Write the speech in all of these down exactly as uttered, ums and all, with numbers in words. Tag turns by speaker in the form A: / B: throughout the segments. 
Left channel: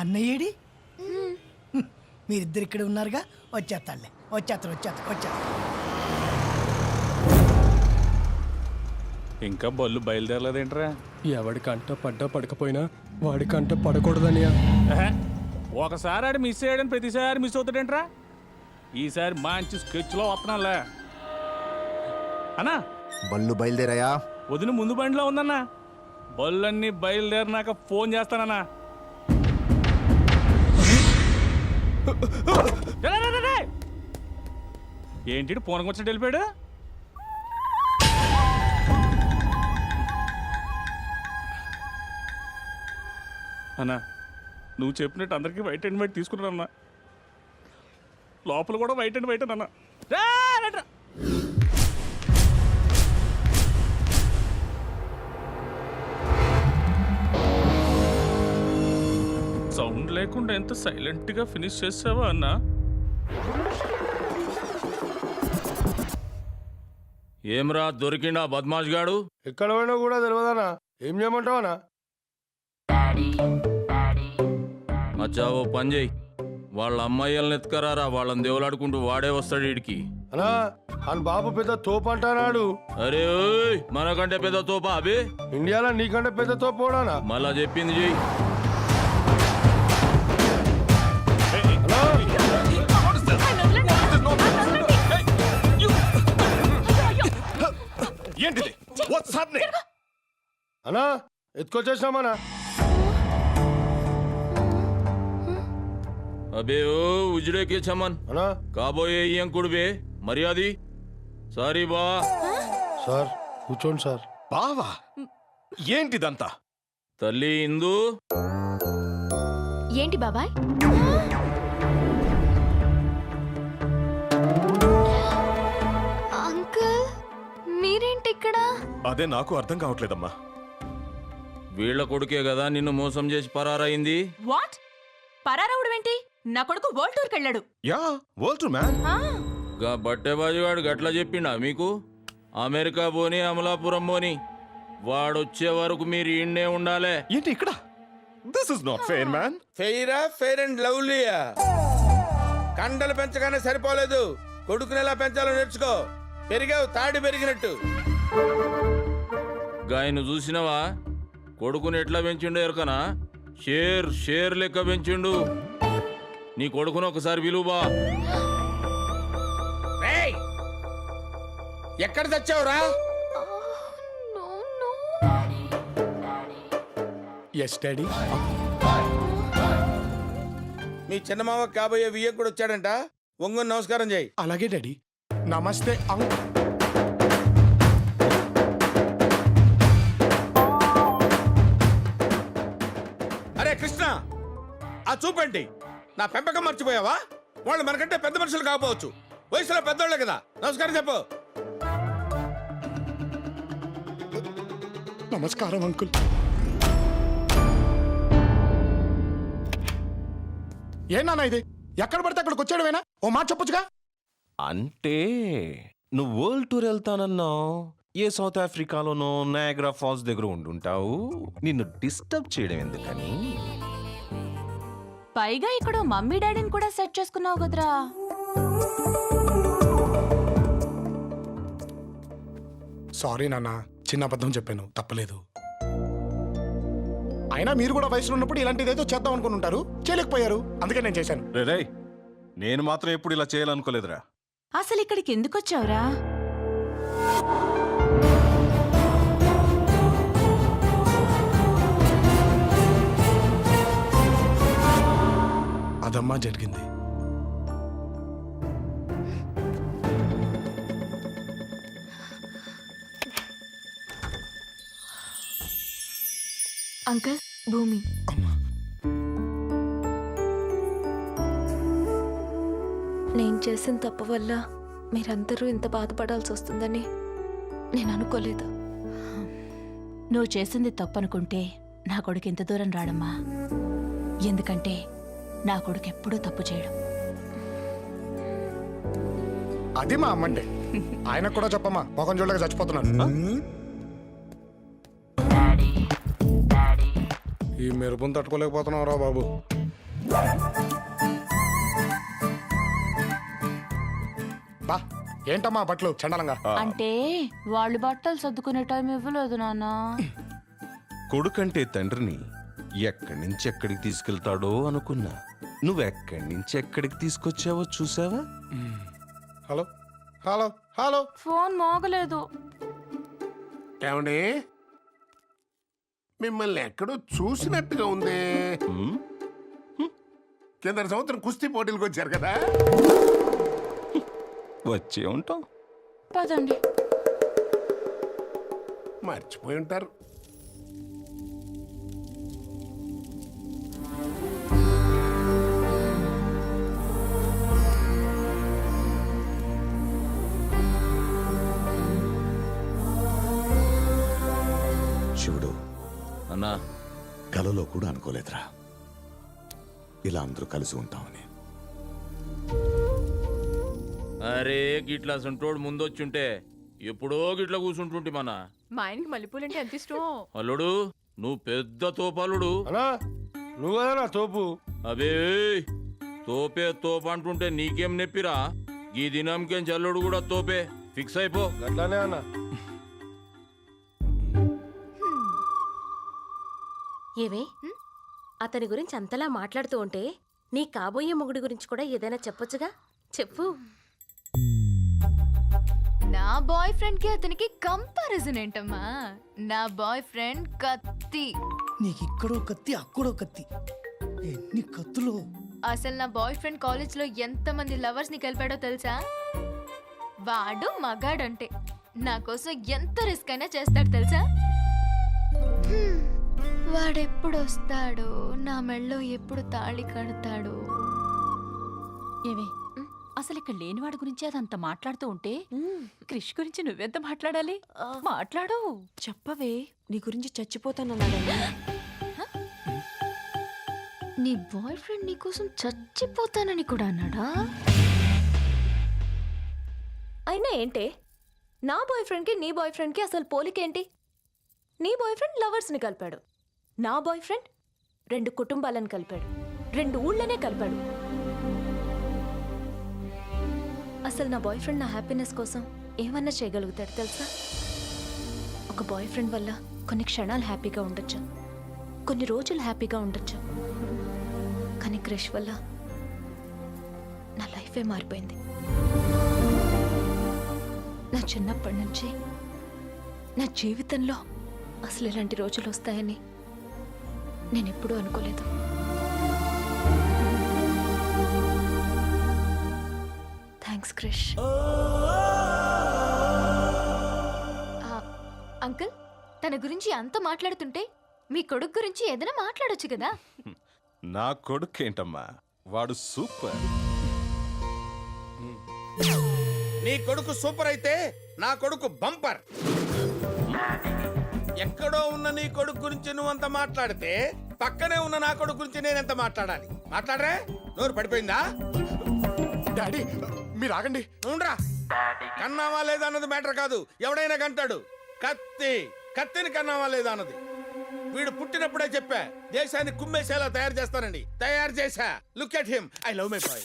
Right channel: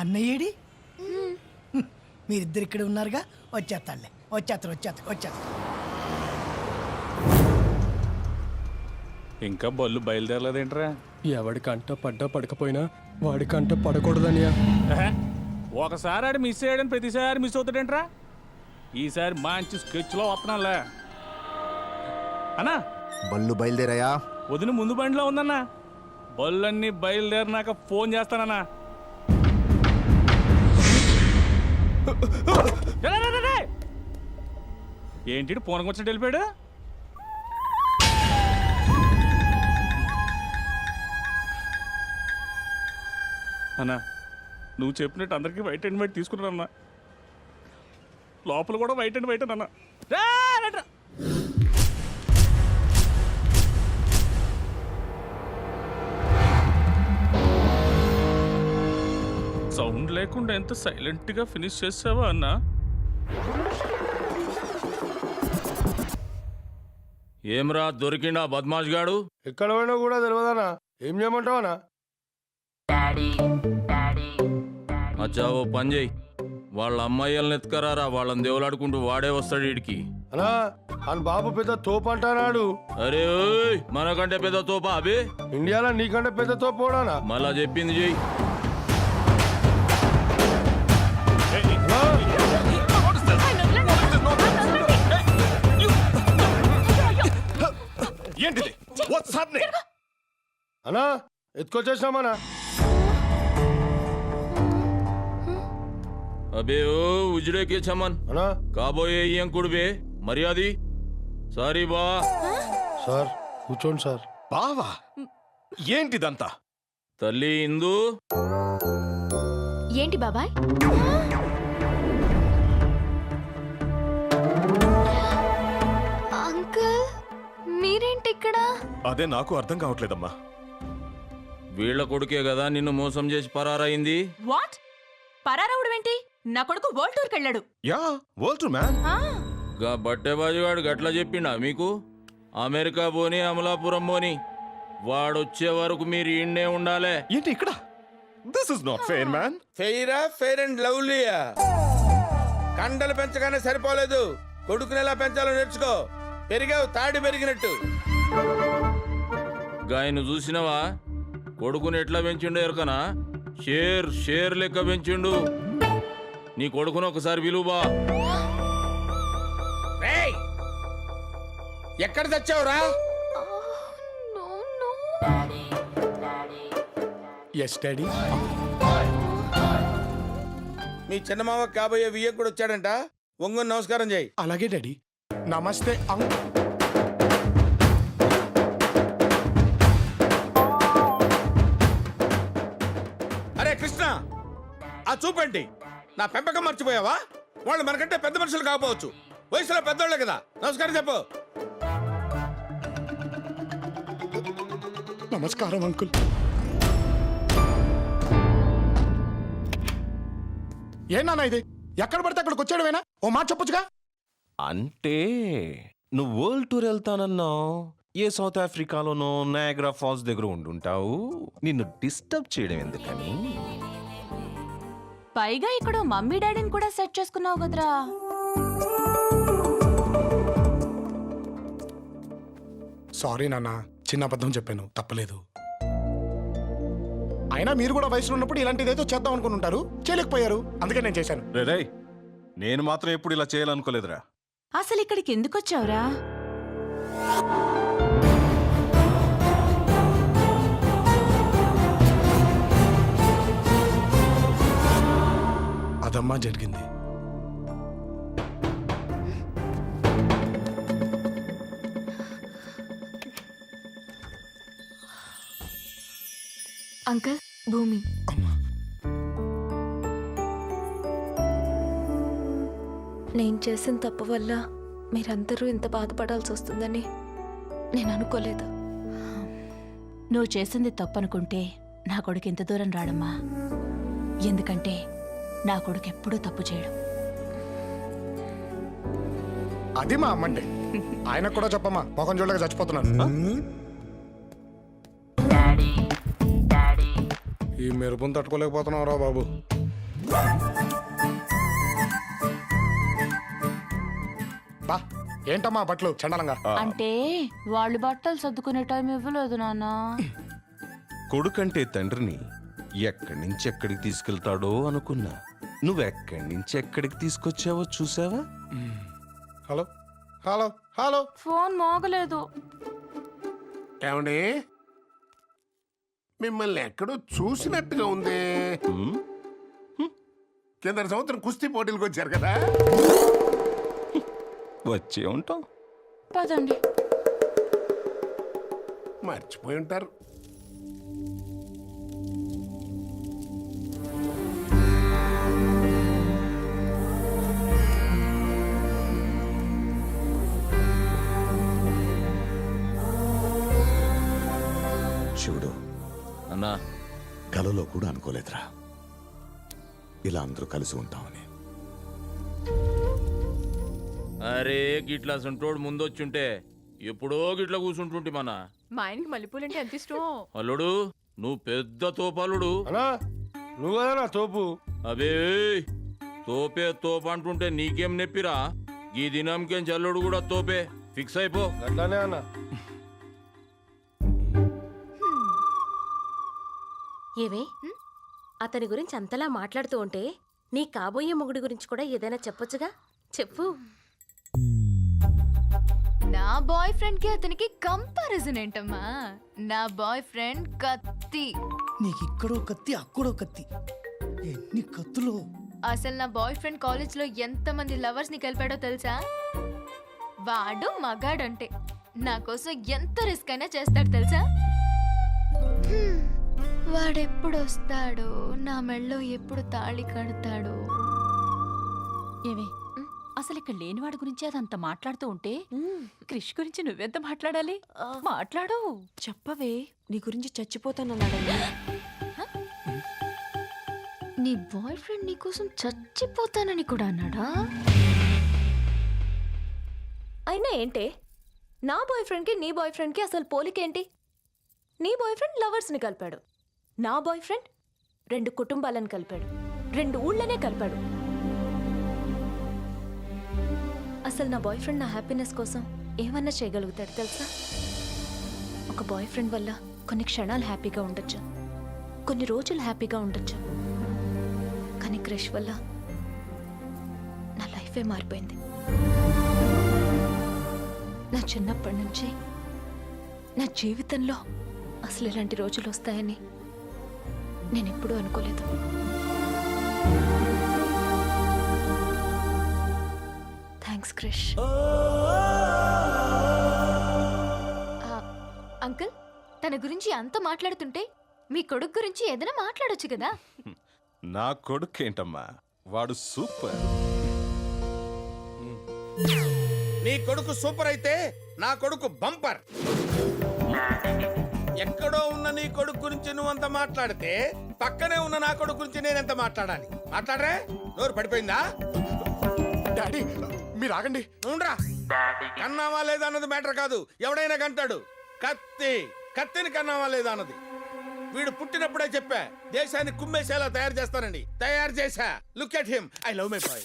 A: అన్నయ్యేడి మీరిద్దరు ఇక్కడ ఉన్నారుగా, వచ్చేస్తాడులే. వచ్చేస్తారు వచ్చేస్తారు వచ్చేస్తారు
B: ఇంకా బళ్ళు బయలుదేరలేదేంట్రా?
C: ఎవడి కంట పడ్డా పడకపోయినా వాడి కంట పడకూడదనియా.
B: ఒకసారి ఆడు మిస్ అయ్యాడని ప్రతిసారి మిస్ అవుతాడేంట్రా? ఈసారి మంచి స్కెచ్లో వస్తున్నాలే అన్నా.
D: బళ్ళు బయలుదేరాయా?
B: వదిన ముందు బండిలో ఉందన్నా. బళ్ళన్నీ బయలుదేరినాక ఫోన్ చేస్తానన్నా. ఏంటి పూనకం వచ్చినట్టు వెళ్ళిపోయాడు? అన్నా నువ్వు చెప్పినట్టు అందరికీ వైట్ అండ్ వైట్ తీసుకున్నానన్నా. లోపల కూడా వైట్ అండ్ వైట్ అన్నా. సౌండ్ లేకుండా ఎంత సైలెంట్గా ఫినిష్ చేసావా అన్నా? ఏమ్రా దొరికిండా బద్మాష్ గాడు?
E: ఎక్కడ పోయినా కూడా తెలియదనా. ఏం చేయమంటావనా?
B: అచ్చా ఓ పని చేయి, వాళ్ళ అమ్మాయిల్ని ఎత్తుకరారా. వాళ్ళని దేవులాడుకుంటూ వాడే వస్తాడు వీడికి.
E: అనా అని బాబు పెద్ద తోపు అంటానాడు.
B: అరే ఓయ్, మనకంటే పెద్ద తోపా అబే?
E: ఇండియాలో నీకంటే పెద్ద తోపు పోడానా?
B: మళ్ళా చెప్పింది చెయ్యి.
D: ఏంటిది? What's happening?
E: అనా ఎత్తుకొచ్చేసినామనా?
B: అబే ఓ ఉజ్రేకే చమన్
E: అనా
B: కాబోయే ఇంకుడుబే మర్యాది. సారీ బా.
E: సార్ కూర్చోండి సార్.
D: బావా ఏంటిదంతా?
B: తల్లి ఇందు.
F: ఏంటి బాబాయ్? అంకుల్ మీరేంటి ఇక్కడ?
D: అదే నాకు అర్థం కావట్లేదమ్మా.
B: వీళ్ళ కొడుకే కదా నిన్ను మోసం చేసి పరారైంది.
G: వాట్? పరారవుడేంటి? నా కొడుకు వరల్డ్ టూర్కి వెళ్ళాడు.
D: Yeah world tour man.
B: గా బట్టెబాజుగాడు గట్లా చెప్పిండా మీకు? అమెరికా పోని అమలాపురం పోని వాడొచ్చే వరకు మీరు ఈయన్నే ఉండాలే.
D: ఏంటి ఇక్కడ? This is not fair man.
H: ఫెయిరా? ఫెయిర్ అండ్ లవ్లీయా? కండలు పెంచగానే సరిపోలేదు, కొడుకుని ఎలా పెంచాలో నేర్చుకో. పెరిగావు తాడి పెరిగినట్టు.
B: గాయను చూసినవా? కొడుకుని ఎట్లా పెంచిండో ఎరకనా? షేర్ షేర్ లెక్క పెంచిండు. నీ కొడుకును ఒకసారి విలువా.
H: ఎక్కడ తెచ్చావురా?
C: Yes daddy.
H: మీ చిన్నమావ కాబోయే వియ్య కూడా వచ్చాడంట. ఒంగోని నమస్కారం చేయి.
C: అలాగే డాడీ. నమస్తే అంక్.
H: అరే కృష్ణ, ఆ చూపండి. నా పెంపకం మర్చిపోయావా? వాళ్ళు మనకంటే పెద్ద మనుషులు కాకపోవచ్చు, వయసులో పెద్దోళ్ళే కదా. నమస్కారం చెప్పు.
C: నమస్కారం అంకుల్. ఏనా ఇది? ఎక్కడ పడితే అక్కడికి వచ్చాడువేనా? ఓ మాట చెప్పొచ్చుగా.
I: అంటే నువ్వు వరల్డ్ టూర్ వెళ్తానన్నావు, ఏ సౌత్ ఆఫ్రికాలోనో నయాగ్రా ఫాల్స్ దగ్గర ఉండుంటావు. నిన్ను డిస్టర్బ్ చేయడం ఎందుకని.
G: పైగా ఇక్కడ మమ్మీ డాడీని కూడా సెట్ చేసుకున్నావు కదరా.
C: సారీ నాన్న, చిన్న అబద్ధం చెప్పాను, తప్పలేదు. అయినా మీరు కూడా వయసులో ఉన్నప్పుడు ఇలాంటిదేదో చేద్దాం అనుకుని ఉంటారు, చేయలేకపోయారు. అందుకే నేను చేశాను.
D: రే రే, నేను మాత్రం ఎప్పుడు ఇలా చేయాలనుకోలేదురా.
G: అసలు ఇక్కడికి ఎందుకు వచ్చావురా?
C: అదమ్మా జరిగింది.
F: అంకుల్ భూమి. నేను చేసిన తప్పు వల్ల మీరందరూ ఇంత బాధపడాల్సి వస్తుందని నేను అనుకోలేదు.
G: నువ్వు చేసింది తప్పనుకుంటే నా కొడుకు ఎంత దూరం రాడమ్మా. ఎందుకంటే నా కొడుకు ఎప్పుడూ తప్పు చేయడం.
C: అది మా అమ్మంటే ఆయన కూడా చెప్పమ్మా, మొఖం చూడలేక చచ్చిపోతున్నాను. ఈ మెరుపుని తట్టుకోలేకపోతున్నావు రా బాబు. బా ఏంటమ్మా బట్టలు చండాలంగా.
G: అంటే వాళ్ళు బట్టలు సర్దుకునే టైం ఇవ్వలేదు నాన్న.
I: కొడుకంటే తండ్రిని ఎక్కడి నుంచి ఎక్కడికి తీసుకెళ్తాడో అనుకున్నా. నువ్వెక్కడి నుంచి ఎక్కడికి తీసుకొచ్చావో చూసావా?
C: హలో హలో హలో
G: ఫోన్ మోగలేదు.
J: ఏమండి మిమ్మల్ని ఎక్కడో చూసినట్టుగా ఉంది.
I: ఉమ్,
J: కింద సంవత్సరం కుస్తీ పోటీలకు వచ్చారు కదా.
I: వచ్చే ఉంటాం.
G: పదండి.
J: మర్చిపోయి ఉంటారు.
K: శివుడు,
B: అన్నా
K: కలలో కూడా అనుకోలేదురా ఇలా అందరూ కలిసి ఉంటామని.
B: అరే గిట్లా సంటోడు ముందొచ్చుంటే ఎప్పుడో గిట్లా కూర్చుంటుంటే మన
F: మా ఆయనకి మల్లెపూలంటే ఎంత ఇష్టం.
B: అల్లుడు నువ్వు పెద్ద తోపాలుడు.
E: అనా నువ్వు కదా నా తోపు.
B: అబే తోపే తోపు అంటుంటే నీకేం నెప్పిరా? ఈ దినంకేం చల్లుడు కూడా తోపే. ఫిక్స్ అయిపో.
E: గట్లానే అన్న.
L: ఏవే అతని గురించి అంతలా మాట్లాడుతూ ఉంటే నీ కాబోయే మొగుడి గురించి కూడా ఏదైనా చెప్పొచ్చుగా? చెప్పు.
F: నా బాయ్ ఫ్రెండ్ కి అతనికి కంపారిజన్ ఏంటమ్మా? నా బాయ్ ఫ్రెండ్ కత్తి.
A: నీకు ఇక్కడో కత్తి అక్కడో కత్తి, ఎన్ని కత్తులు.
F: అసలు నా బాయ్ ఫ్రెండ్ కాలేజ్ లో ఎంత మంది లవర్స్ ని కలిపాడో తెలుసా? వాడు మగాడంటే నా కోసం ఎంత రిస్క్ అయినా చేస్తాడు తెలుసా? హ్మ్. వాడెప్పుడు వస్తాడో, నా మెళ్ళో ఎప్పుడు తాళి కడతాడో.
G: ఏవే అసలు ఇక్కడ లేనివాడి గురించి అదంతా మాట్లాడుతూ ఉంటే క్రిష్ గురించి నువ్వెంత మాట్లాడాలి? మాట్లాడు.
F: చెప్పవే, నీ గురించి చచ్చిపోతానన్నాడని. నీ బాయ్ ఫ్రెండ్ నీ కోసం చచ్చిపోతానని కూడా అన్నాడా?
L: అయినా ఏంటే, నా బాయ్ ఫ్రెండ్కి నీ బాయ్ ఫ్రెండ్కి అసలు పోలికేంటి? నీ బాయ్ ఫ్రెండ్ లవర్స్ని కలిపాడు, నా బాయ్ ఫ్రెండ్ రెండు కుటుంబాలను కలిపాడు, రెండు ఊళ్ళనే కలిపాడు. అసలు నా బాయ్ ఫ్రెండ్ నా హ్యాపీనెస్ కోసం ఏమన్నా చేయగలుగుతాడు తెలుసా? ఒక బాయ్ ఫ్రెండ్ వల్ల కొన్ని క్షణాలు హ్యాపీగా ఉండొచ్చు, కొన్ని రోజులు హ్యాపీగా ఉండొచ్చు, కానీ క్రష్ వల్ల నా లైఫే మారిపోయింది. నా చిన్నప్పటి నుంచి నా జీవితంలో అసలు ఇలాంటి రోజులు వస్తాయని నేను ఎప్పుడూ అనుకోలేదు. థ్యాంక్స్ క్రిష్. అంకుల్, తన గురించి అంత మాట్లాడుతుంటే మీ కొడుకు గురించి ఏదైనా మాట్లాడొచ్చు కదా?
D: నా కొడుకేంటమ్మా, వాడు సూపర్.
H: నీ కొడుకు సూపర్ అయితే నా కొడుకు బంపర్. ఎక్కడో ఉన్న నీ కొడుకు గురించి నువ్వంత మాట్లాడితే పక్కనే ఉన్న నా కొడుకు గురించి నేనెంత మాట్లాడాలి? మాట్లాడరే? నోరు పడిపోయిందా?
C: డాడీ మీరు ఆగండి.
H: నువ్వురా. కన్నావా లేదా అన్నది మ్యాటర్ కాదు, ఎవడైనా కంటాడు. కత్తి కత్తిని కన్నావా లేదా అన్నది. వీడు పుట్టినప్పుడే చెప్పా దేశాన్ని కుమ్మేసేలా తయారు చేస్తానండి. తయారు చేశా. Look at him. I love my boy.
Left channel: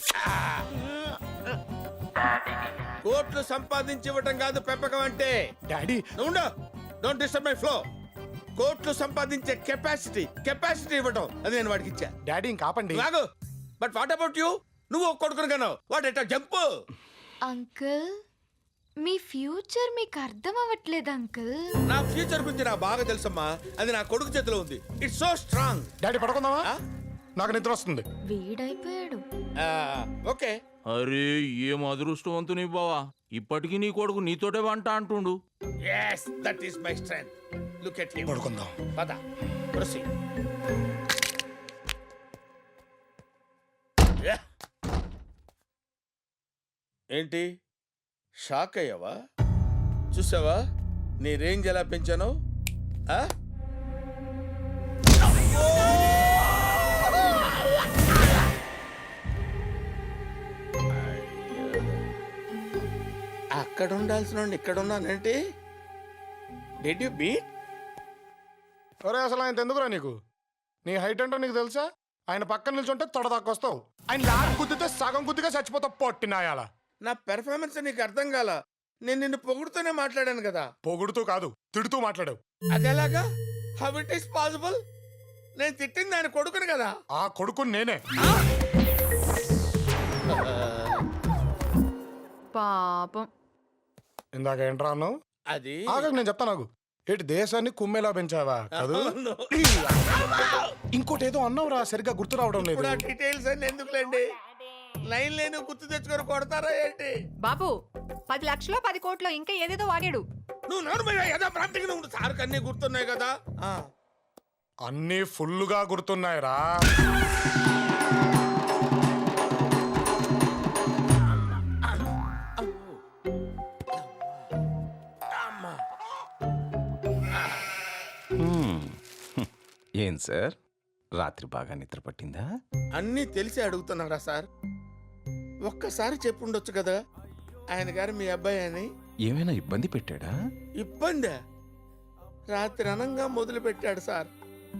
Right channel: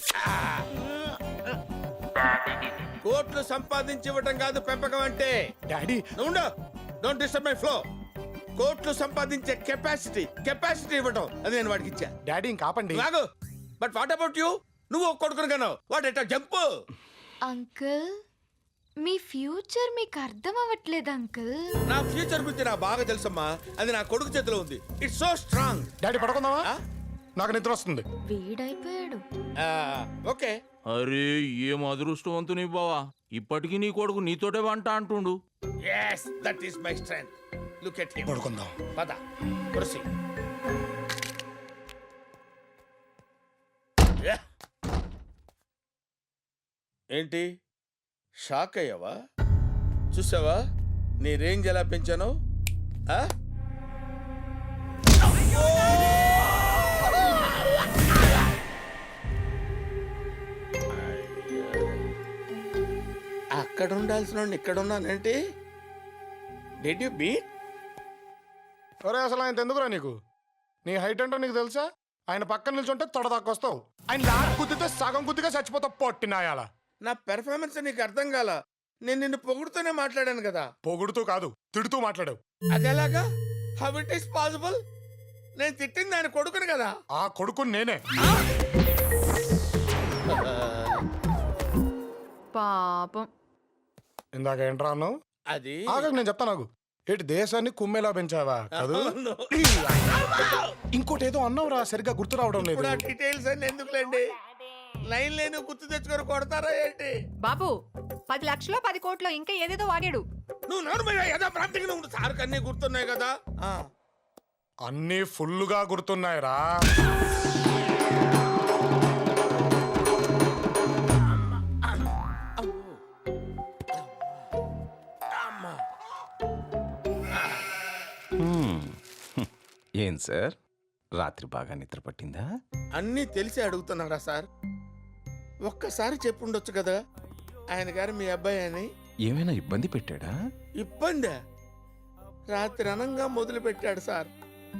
H: కోట్లు సంపాదించి ఇవ్వటం కాదు పెంపకం అంటే.
C: డాడీ
H: నువ్వు డోంట్ డిస్టర్బ్ మై ఫ్లో. కోట్లు సంపాదించే కెపాసిటీ కెపాసిటీ ఇవ్వటం అది నేను వాడికి ఇచ్చా.
C: డాడీ ఇంకా ఆపండి.
H: రాగు. But what about you? నువ్వు ఒక కొడుకును కన్నావు. What at jump.
F: అంకుల్, మీ ఫ్యూచర్ మీకు అర్థం అవ్వట్లేదు అంకుల్.
H: నా ఫ్యూచర్ గురించి నాకు బాగా తెలుసమ్మా. అది నా కొడుకు చేతిలో ఉంది. It's so strong.
C: డాడీ పడుకుందామా? నాకు నిద్ర వస్తుంది.
F: వీడైపోయాడు.
H: ఓకే.
B: అరే ఏం అదృష్టవంతుని బావా, ఇప్పటికీ నీ కొడుకు నీతోటే వంట అంటుండు.
H: yes that is my strength. look at him.
C: పడుకుందాం.
H: పద. proceed. yeah. ఏంటి షాక్ అయ్యావా? చూసావా నీ రేంజ్ ఎలా పెంచానో? ఆ? అక్కడ ఉండాల్సిన ఇక్కడ ఉన్నానంటే డిడ్ యు బీట్?
C: ఒరే అసలు ఆయన ఎందుకురా నీకు? నీ హైట్ ఏంటో నీకు తెలుసా? ఆయన పక్కన నిల్చుంటే తొడదాకొస్తావు. ఆయన లాక్ గుద్దితే సగం గుద్దిగా చచ్చిపోతావు పొట్టినాయాల.
H: నా పెర్ఫార్మెన్స్ నీకు అర్థం కాల. నేను నిన్ను పొగుడుతూనే మాట్లాడాను కదా.
C: పొగుడుతూ కాదు, తిడుతూ మాట్లాడావు.
H: అదేలాగా? How it is possible? నేను తిట్టింది ఆయన కొడుకుని కదా.
C: ఆ కొడుకు నేనే.
L: పాపం.
C: ఇందాక ఏంట్రా అన్నావు?
H: అది
C: ఆగకు, నేను చెప్తాను. నాకు ఏంటి దేశాన్ని కుమ్మేలా పెంచావా కాదు?
H: అవును.
C: ఇంకోటి ఏదో అన్నావురా, సరిగ్గా గుర్తు రావడం లేదు.
H: ఇప్పుడు ఆ డీటెయిల్స్ అన్ని ఎందుకులేండి? లైన్ లేని గుర్తు తెచ్చుకొని కొడతారా ఏంటి?
L: బాబు, పది లక్షలు పది కోట్లు ఇంకా ఏదేదో వాడాడు.
H: నువ్వు నోరు ఏదో ప్రాంతికి నువ్వు సార్కి అన్ని గుర్తున్నాయి కదా. ఆ
C: అన్నీ ఫుల్లుగా గుర్తున్నాయిరా.
I: హ్మ్. ఏం సార్, రాత్రి బాగా నిద్ర పట్టిందా?
H: అన్నీ తెలిసి అడుగుతున్నారా సార్? ఒక్కసారి చెప్పుండొచ్చు కదా ఆయన గారు మీ అబ్బాయి అని.
I: ఏమైనా ఇబ్బంది పెట్టాడా?
H: ఇబ్బందా? రాత్రి అనంగా మొదలు పెట్టాడు సార్.